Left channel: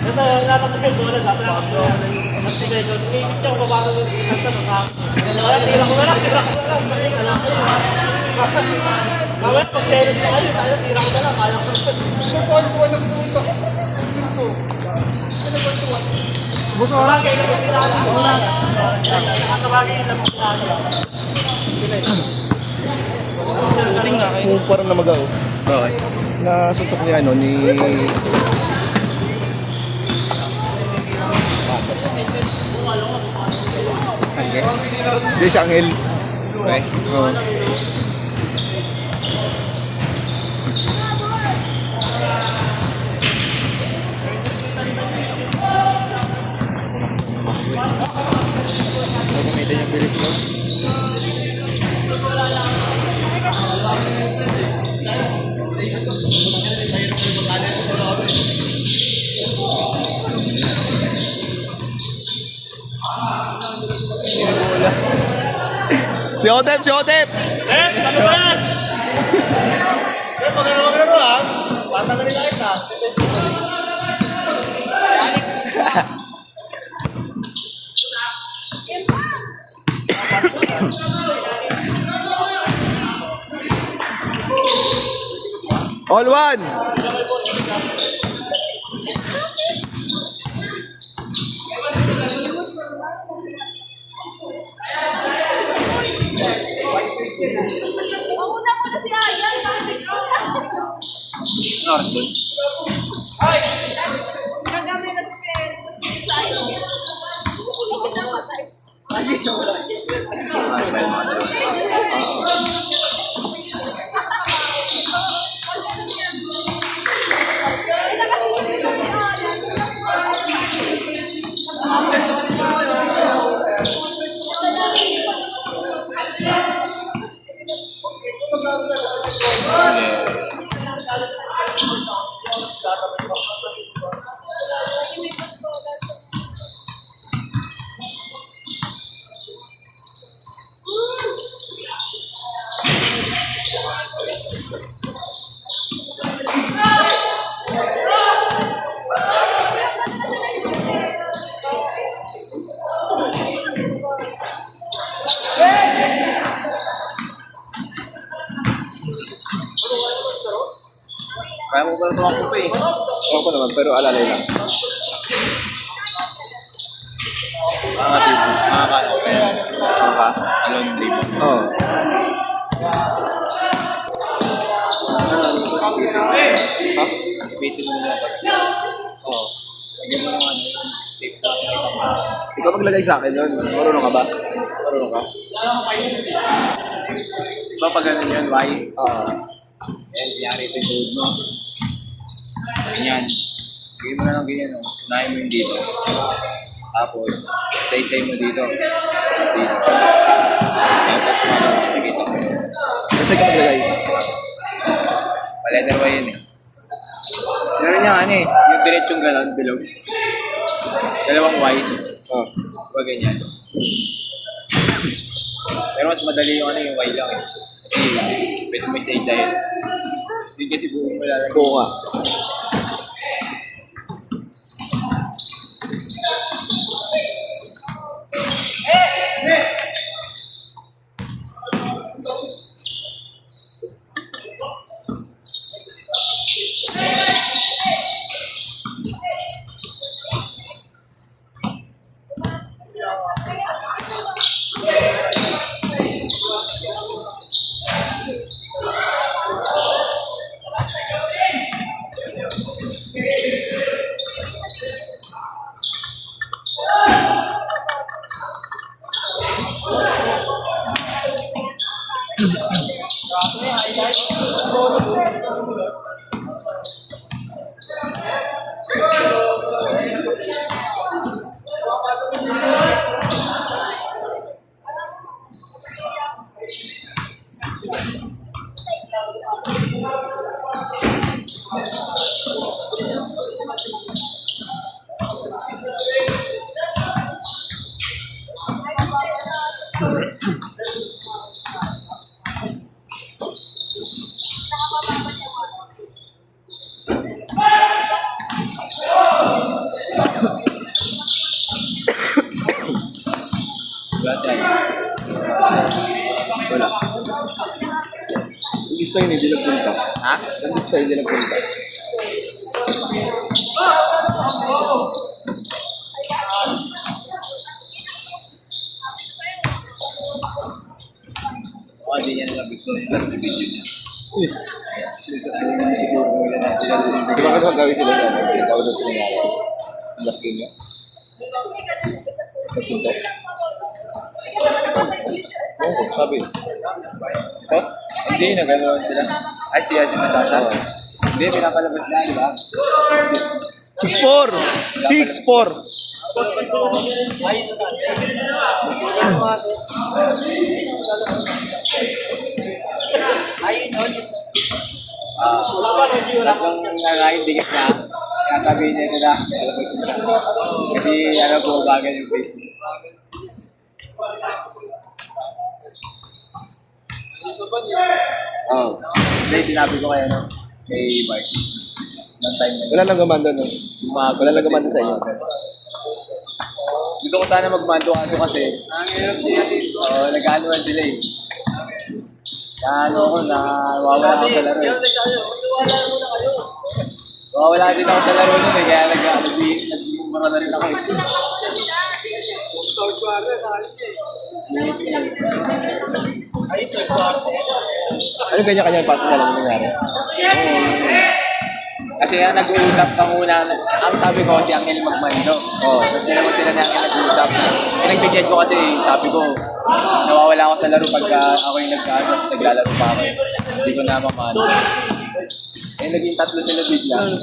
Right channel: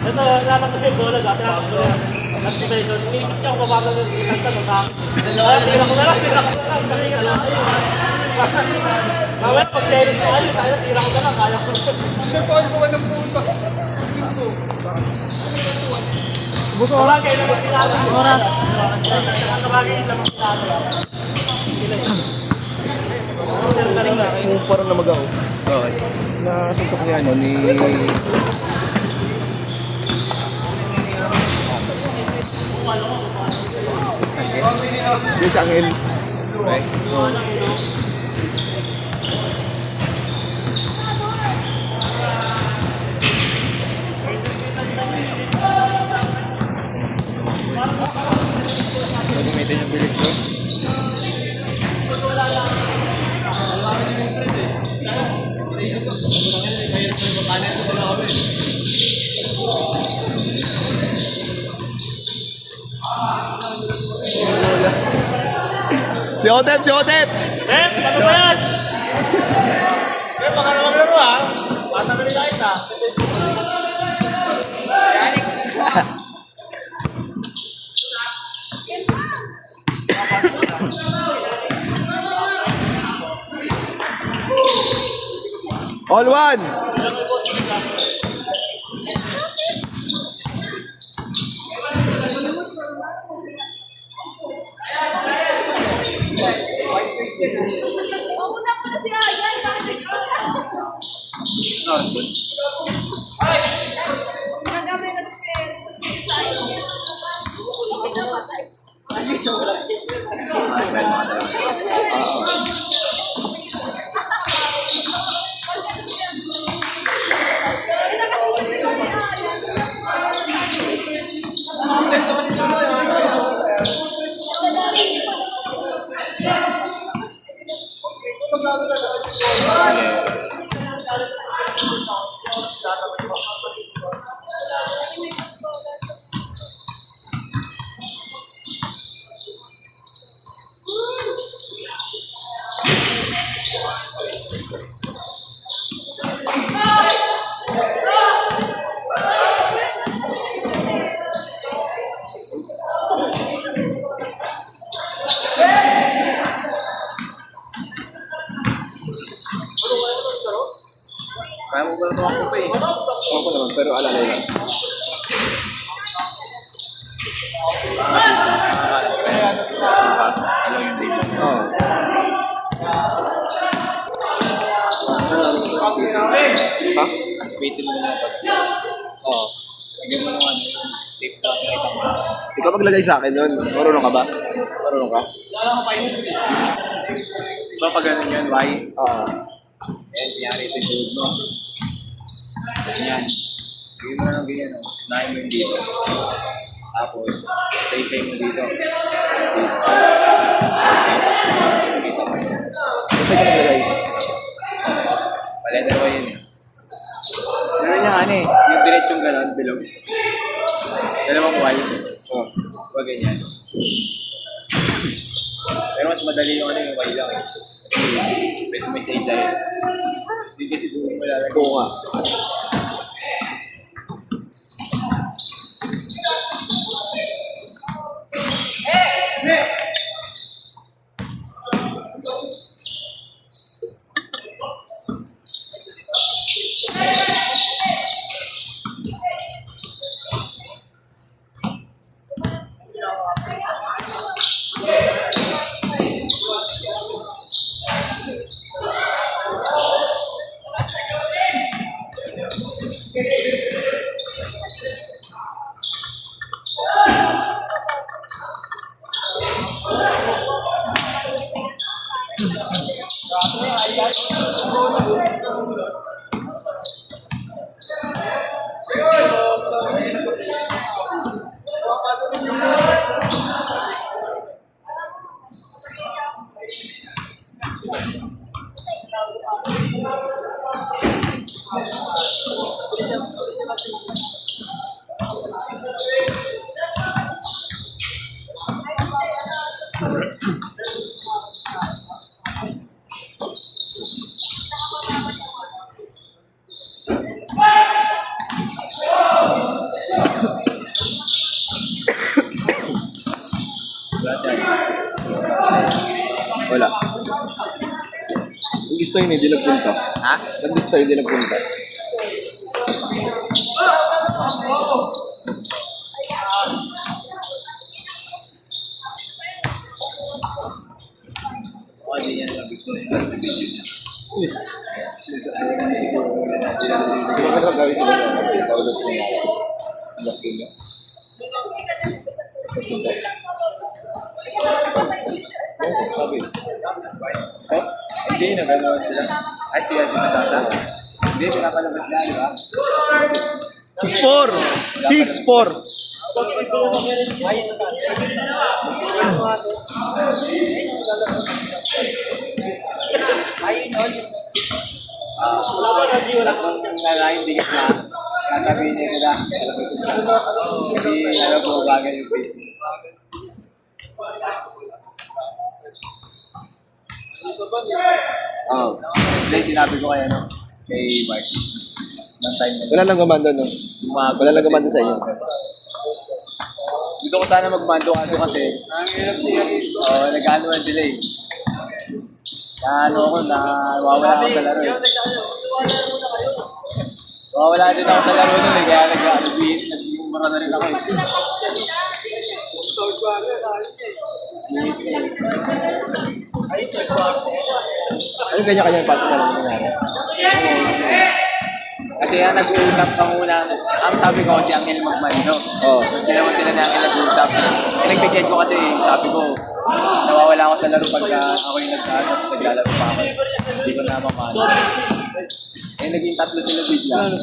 Ito, natakot yung bola, dati natakot yan. At possession, iniisip niya kung paano yung isang tanong sa akin. Kaya tira ko na lang, pakita lang kayo. Mamaya pag-series na kayo, tayo tira ko na lang, kaya ko na. Siya ko ay buwan ng puta. Ito. Buso oras, kailan mo sinala? Oras. Nakakabagay isla mong sinala. Kung parang namagaw. Okay. Nasuntok niya ano ni... Di sa angel. Okay. Oo. Ito yung bilis ko. Si Otep! Si Otep! Ano ba yan? Pag ano maglaro ha? Bata na nila kita. All one! Mauna muna si Ayan. Kaya mo ba ito ako pa eh? Ako naman, pero alalay lang. Alam yung dribble. Oo. Ha? Waitin mo lang pag... Oo. Lagyan mo naman yung tape na kahit ako. Ikaw maglagay sa akin nun. Marunong ka ba? Marunong ka? Diba pag ganun yan, why? Oo. Yan, nangyari ito yung tuhod mo. Ganyan. Gawin mo na lang ganyan, no? Unahin mo yung dito. Tapos, isa-isay mo dito. Tapos dito. Nakikita mo yun. Kasi ka maglagay. Paletter ba yun eh? Meron niya ano eh, yung diretsong gano'n, bilog. Dalawang white. Oo. Huwag ganyan. Pero mas madali yung ano yung white lang eh. Kasi pwede mo isa-isay. Hindi kasi buo mo lalagay. Oo nga. Nandista yun, hindi nagpunta. Ha? Nandista, hindi nagpunta. Hindi niya lang gusto yung last video niya. Uy. Di ba kasi gawin sila yan? Tawag na sila nga. Ang last game niya. Kasi ito. Oo, sabi. Oh? Hindi, naganoon sila. Ay, siya si Matata. Hindi, pinapalabas na sila. 6-4! 6-4! Wala ba nag wala? Nangangin dikit na. Sasabihin niya nila. Kasi ano po, bagay yung face. Oo. Hindi, sinabi ko kay ano, kay Bart. One time na. Wala nang gaman doon, no? Wala nang gaman doon sa inyo. Gusto ko sana magmando kaso kasi nag-anuan sila eh. Ano ako, nawawala ako sa laro eh. Nawawala din ako sa laro nun eh, kaya nag-umara na rin ako eh. Ano kanya-kanya yung partner na nangyari? Kasi yan, nag-uusap pa muna. Ang sabi ko kasi Angel magmando. Oo. Tapos naman sila na nag-uusap. Eh, nag-check ko kasi sabi ko, nawawala ako sa laro pagka ako yung nagkakas, naglalaro pa ako. Hindi ko na mamano. Eh, naging tatlo sila bigla. Hindi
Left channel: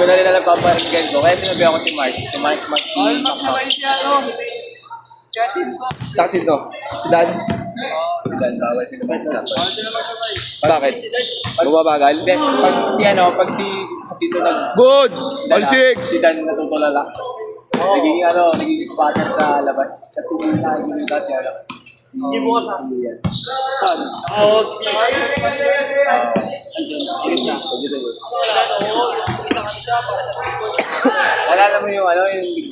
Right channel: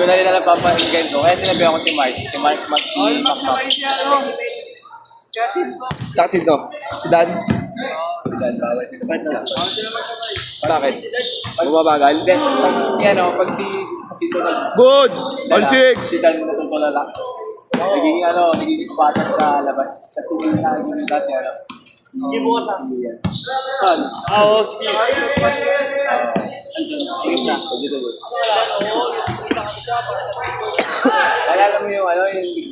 ko na rin alam papainggan ko. Kaya sinabi ako si Mike. Si Mike Mac. Tsaka sino? Si Dan? Dan, bawal sila. Bakit? Bumabagal? Hindi, pag si ito Good! All si 6! Dan natutulala. Nagiging spotter sa labas. Kasi hindi na nagiging kasi Hindi mo ka Saan? Oo, sige. Wala naman yung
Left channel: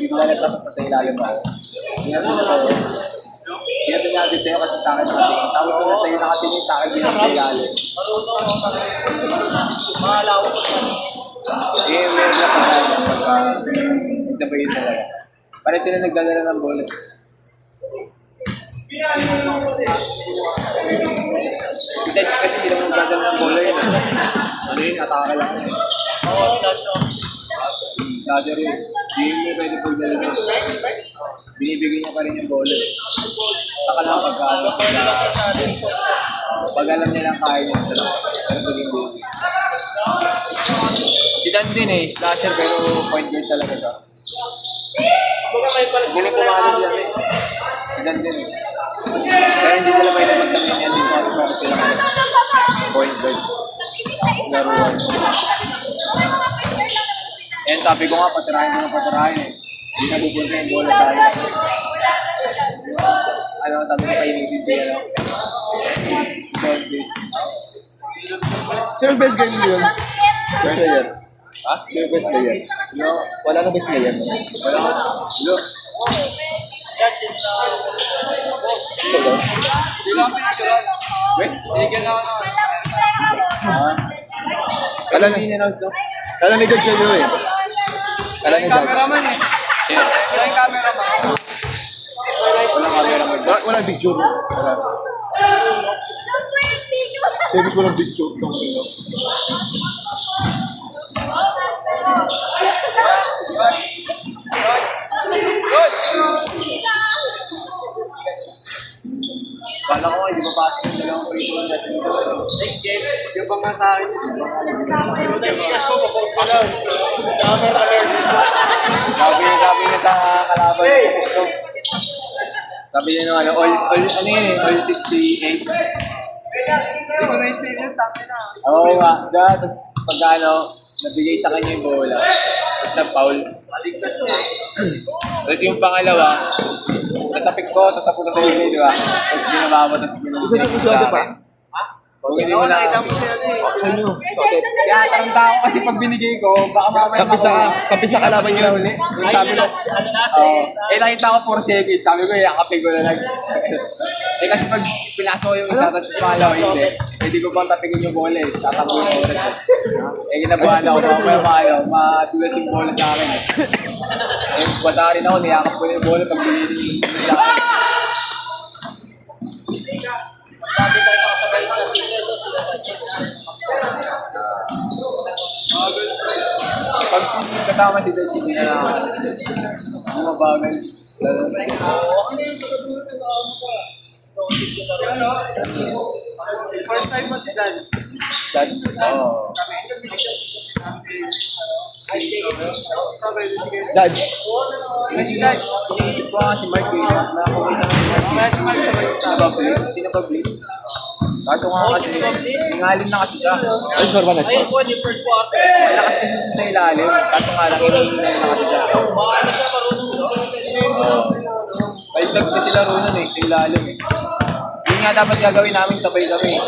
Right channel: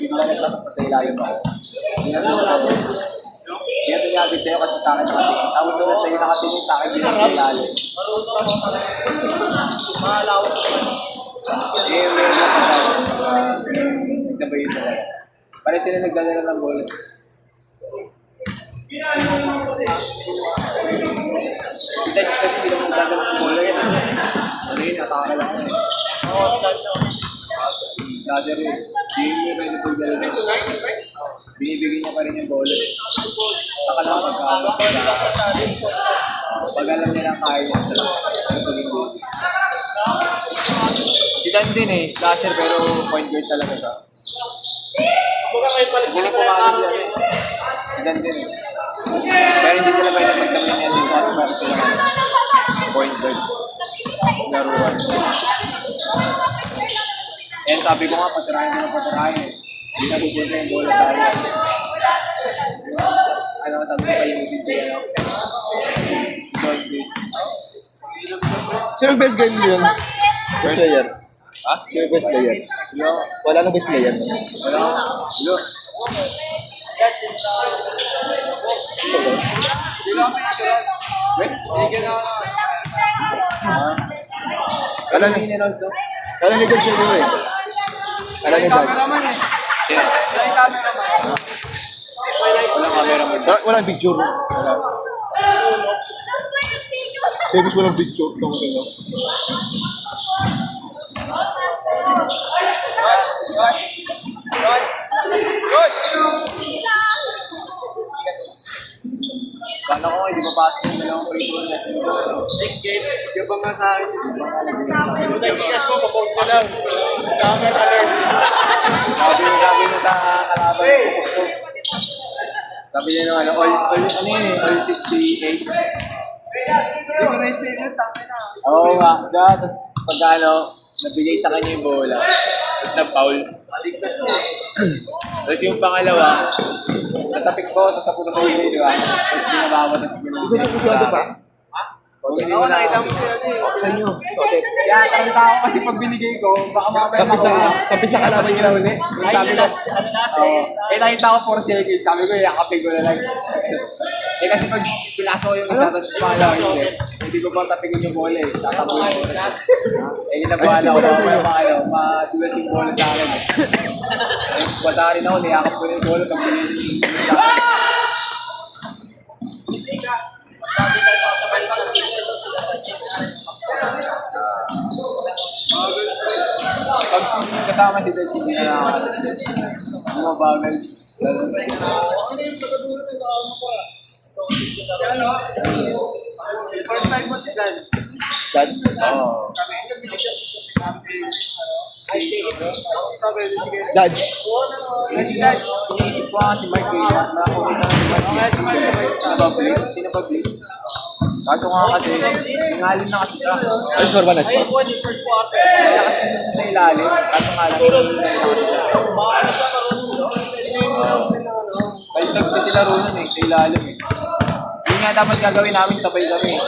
bigla na siya sa ilalim ako. Kaya pinagabit sa'yo kasi sa akin nakatingin. Tapos yung sa'yo nakatingin sa akin din sa ilalim. Meron na sabayin na lang. Pare sila nagdadala ng bola. Si Dutch kasi bilang nagdadala ng bola yan. Ano yun, atake lang. Dada rin. Hindi mo pwede po dala rin. Binibigyan niya pa rin yung bola. Saka lang pag alam niya na kaya niya sa pagiging bola. Si Dan din slasher pero point guard talaga siya. Bulo pumakas yan Si Dan din Kaya hindi sila pwede magsabi niya dito kasi meron sila point guard. Laruan. Yan, sabi ko nga, patirahin ko ng patirahin eh. Hindi nabubulga yung bola sa akin. Sabi ko painitin siya. Johnson. Sino yung best game yun? Best player? Ha? Sino yung best player? Hello? Wala nang best player. Wala? Hello? Wait, binigyan naman ako. Alam ni Dodge yun eh. Alam ni Dodge. Yeah. Walang camera mo. Walang picture. Wala. Service walang picture. Kala ko hindi mapasok yung dalawang free throw na sa ito. Next game, yung bang nga sa akin. Sabi niya sa kalaban. Sabi niya all 68. Yung nice na yun, tama na. Oo nga. Tapos pag nabigay sa kanya yung bola. Tapos na-foul. Tapos yung pangalawa, natapik ko, tapos ako na sa hindi, di ba? Tapos ginawa ko, tapos ginawa ko. Isa sa pusyado pa? Pag hindi mo nakita mo siya Sa inyo. Totot. Kaya tanda ko kasi pag binigay ko, baka mamaya Kampi sa kalaban nyo. ulit. Sabi ko, nakita ko 4 seconds. Sabi ko, yakapin ko na lang. Kasi pag pinasok ko yung isa, tapos pinakalawa hindi. Hindi ko pang tapingin yung bola eh. Tatapunin ko na. Kinabahan ako madulas yung bola sa akin. Basta rin ako, niyakap ko na yung bola pag binigay. Pag kasama si Dutch, hindi na nakakala si Dutch. Bumabagal. First time mo si Dan. Dan? Oo. Dodge. Si Dutch, iniisip ko nga si Mark eh. Nakakumisa na si Mark. Kaya si Mark sa Babli. Sino Babli? Kaso nga kasi, tingalin na kasi siya. Ay, score ba na score? Lakas kasi siya sa ilalim. Kaso nga lang, tingalin na kasi siya. Balitag na sila ro nun eh, sa ilalim eh. Yun nga dapat gagawin namin sabay kami.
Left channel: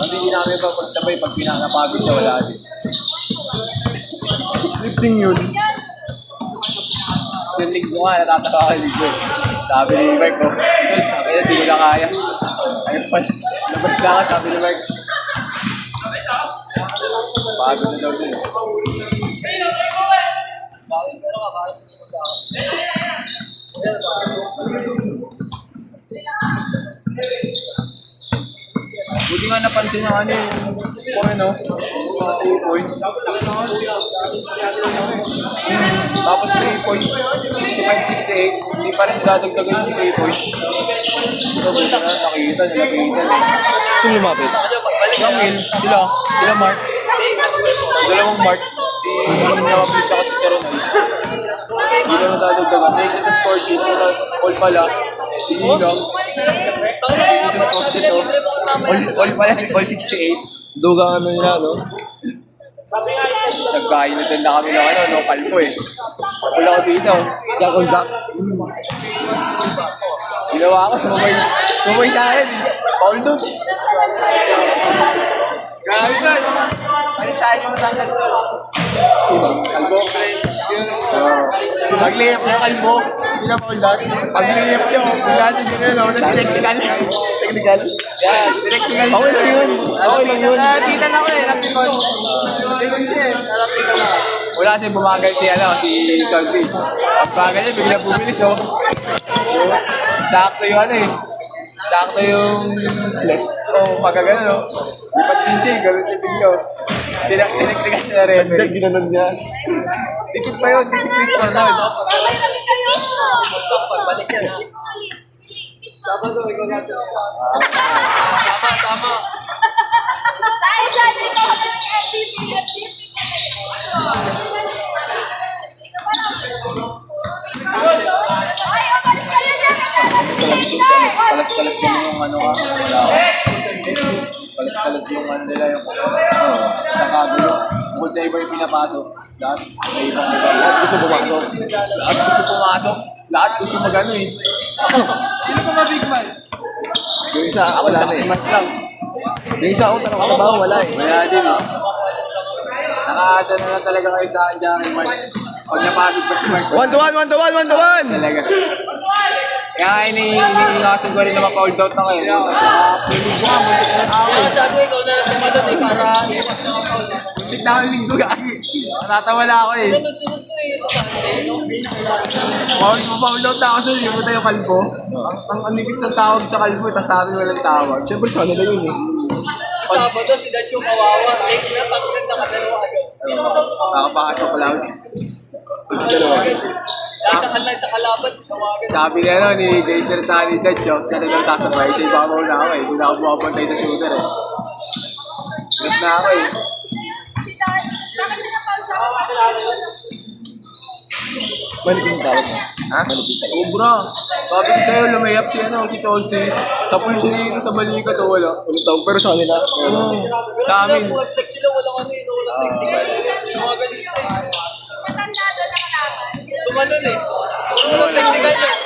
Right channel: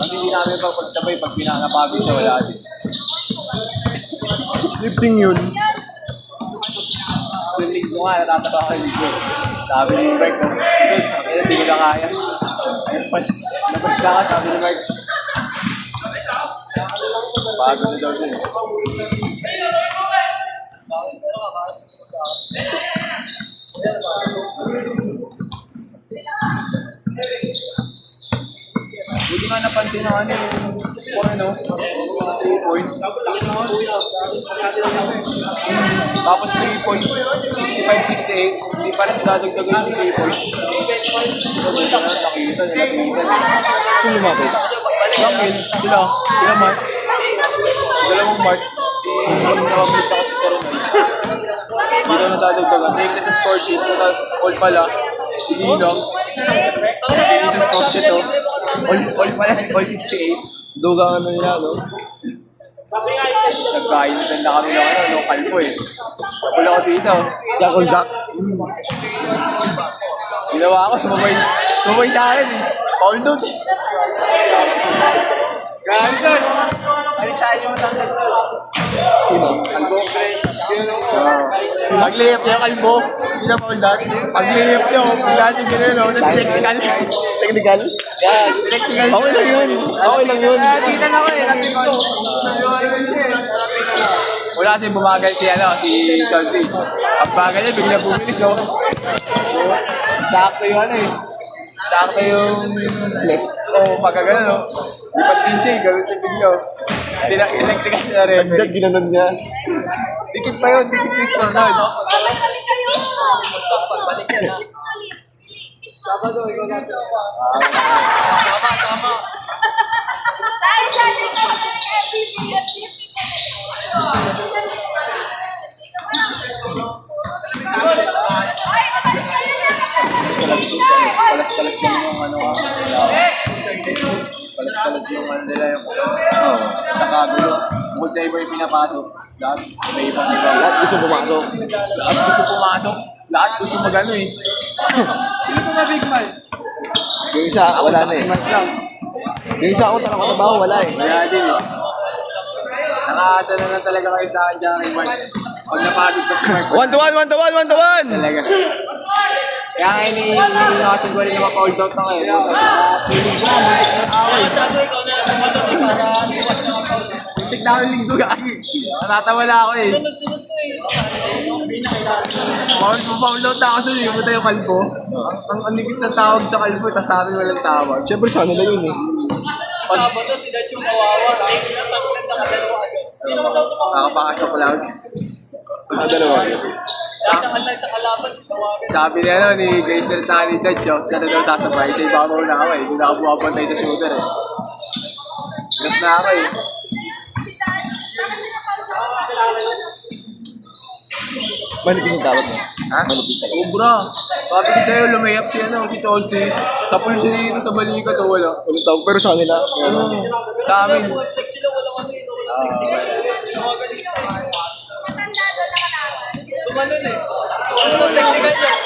Kasi hindi namin pagsabay pag pinakapagod siya wala din. Lifting yun. Yung linggo nga, natatawa ka linggo. Sabi ni Mark, kasi hindi ko na kaya. Ayun pala, labas na ka, sabi ni Mark. Pagod na daw siya. Hindi nga napansin ng ano yung ano, 2 points. Tapos 3 points, 65-68. Hindi pa rin dadagdagan yung 3 points. Nakita, nalapitan. Sino lumapit? Sila Mark. Dalawang Mark. Si Romney tsaka si Coronel. Hindi na natadagdagan. May sa score sheet, all pala. Si Ilong. Sa score sheet to. All pala si all 68. Duga ano nila, no? Nagkainitan na kami ng ano, kalpo eh. Wala ko dito. Jack on Zack. Ginawa ko, sumabay sa akin eh. Paul doon. Grabe sir. Palisahan yung matanggal doon. Sino? Kalbo, friend. Pag-layup niya yung kalbo, hindi na Paul doon. Pag-layup niya, bigla niya gano'n, no? Technical. Technical? Technical. Okay lang yun. Okay lang yun. Nalapitan ako eh, napikon. Nalapitan ako. Wala kasi bumagal si Chelsea. Ang bagal niya, bigla bumilis oh. Sakto yung ano eh. Sakto yung flex. Oh, pagka gano'n oh. Lipat din siya eh, gano'n siya bigla oh. Tinagtigas siya na rin. Ganda, ginanon niya. Dikit pa yun, dikit yung score nun. Sabado, ikaw natin. Tama. Palas-palas lang yung ano. Palas-palas yung ano nila yung nakagulo. Kung sa iba yung pinapasok, lahat may ibang iba. Gusto bumasok. Lahat gusto pumasok, lahat gusto magano eh. Sino pa ba big man? Yung isa, Ako, wala na tsaka si eh. Mark lang. Yung isa ako talaga katabaho, wala eh. Wala din eh. Nakaasa na lang talaga kayo sa akin dyan kay Mark. Pag napagod pa si Mark. 1-1! Talaga. Kaya iniiwasan ko rin na mapa-hold out na kayo. Piling ko nga, muntik na ako eh. Sabi ko na lang naman doon eh, para Muntik na ako yung linggo gagi. Natatawala ako eh. sunod-sunod ko eh. Mapa-hold out na ako sa hindi mo tayo kalbo. Ang nipis ng tawag sa kalbo, tapos sa amin walang tawag. Siyempre, sana na yun eh. Sabado si Dacho kawawa. Eh, natangkad na kadalawa agad. Nakapakasya ko lang. Dalawa. Sasakal lang sa kalaban. Tawagan. Sabi niya ano, ni Geister at ni Dad, siya na daw sasabay. Sa ibabaw na ako eh. Hindi na ako bumabantay sa shooter eh. Hirap na ako eh. Malipin yung tawag mo. Ha? Sobra. Sabi ko sa'yo, lumayap si ano, si Chelsea. Tapos siya dito sa balikat o wala. Ulit tawag, pero sa kanila. Sa amin. Mga flex sila, walang ano yun. Walang technical. Tawagan nila eh. Tumanon eh. Walang technical yan.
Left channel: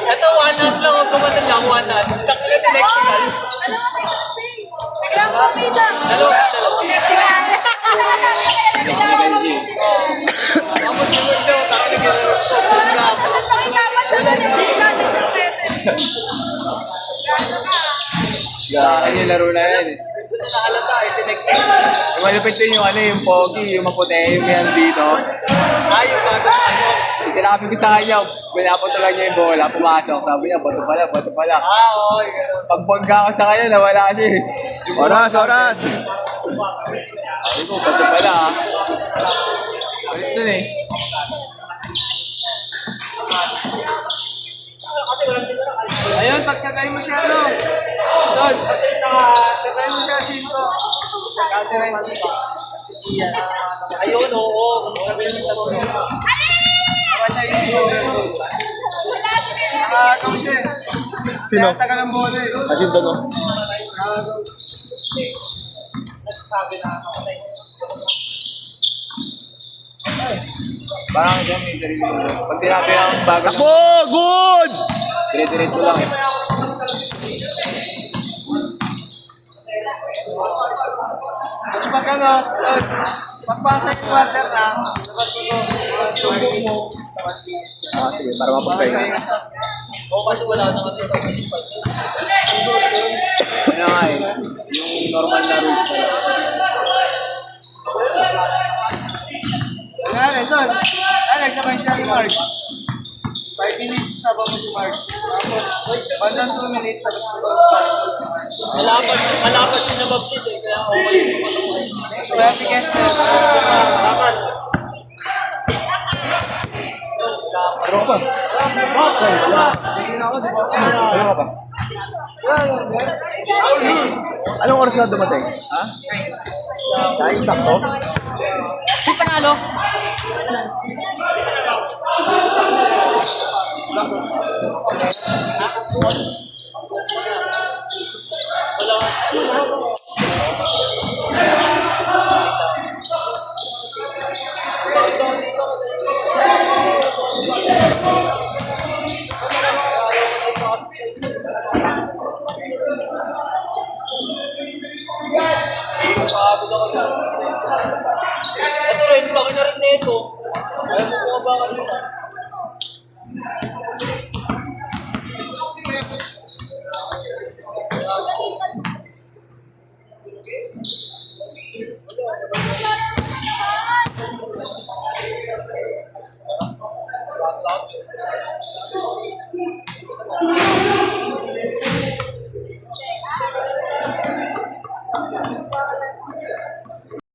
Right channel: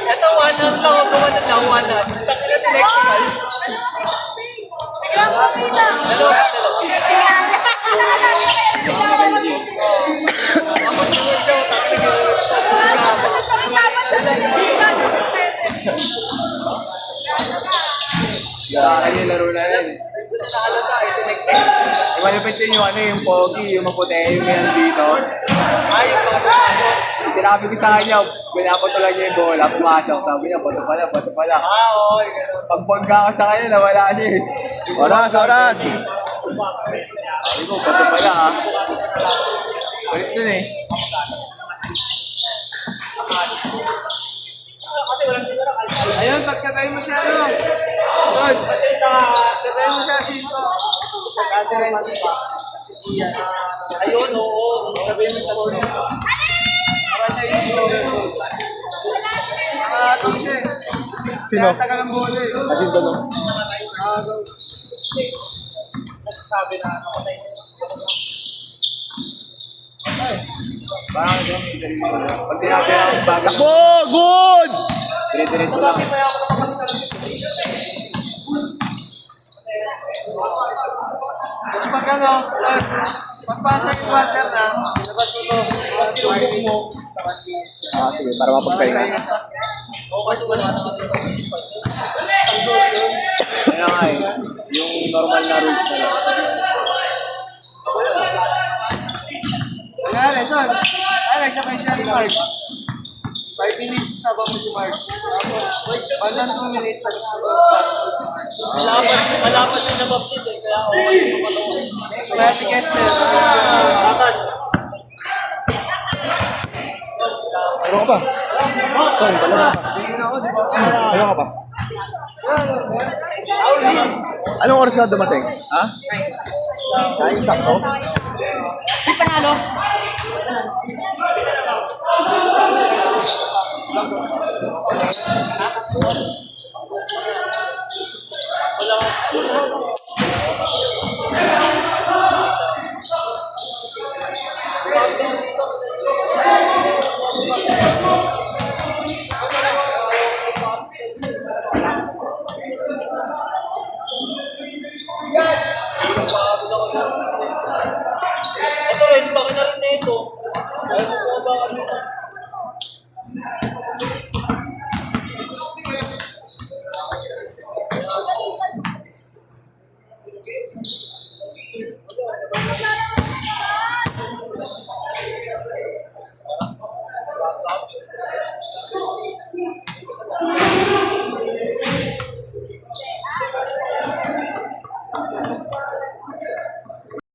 Ito, 1-1 lang. Tumanon lang, 1-1. Technical, technical. Ano yung laro na yan eh. Yung malupit din yung ano, yung pogi, yung maputi, yung meron dito. Sinabi ko sa kanya, pinaputulan niya yung bola, pumasok. Sabi niya, bato pala, bato pala. Pagpagka ko sa kanya, nawala siya eh. Oras, oras! Sabi ko, bato pala ah. Ulit dun eh. Ayun, pagsabay mo siya, no? Son, sabay mo siya, Sinto. Kasi rin dito. Kasi iyan. Ayun, oo. Sabihin mo tatlo. Para sa iyo. Sino? Tagal ng bola eh. Asin to, no? Sabi na kapatay. Parang dyan may sarili. Pag sinabi ang bago. Takbo! Good! Dire-diretso lang. Tapos pag ano, pagpasa yung water na, labas ko to, mga 2 minutes. Ah, sige, para mapagkain. Pahinga siya. Oo, kasi wala naman dito. Kaya nga eh, yung normal na rules na lang. Kaya Son, nagsabay siya ni Mark. 5 minutes sabang mo si Mark. Tapos, bandang 2 minutes, tapos ko si Mark. Malapit yung nabaptid eh. Kaya okay yung mapatuloy. So, kaya si Kester, Ratan. Ano ka ba? Sorry, dalawa ka. hindi na ako, di ba? Dalawa ka ba? Anong oras ka dumating? Ha? Kain sakto? Si panalo? Ito rin, baka na rin na ito. Ayaw mo po ba kanina?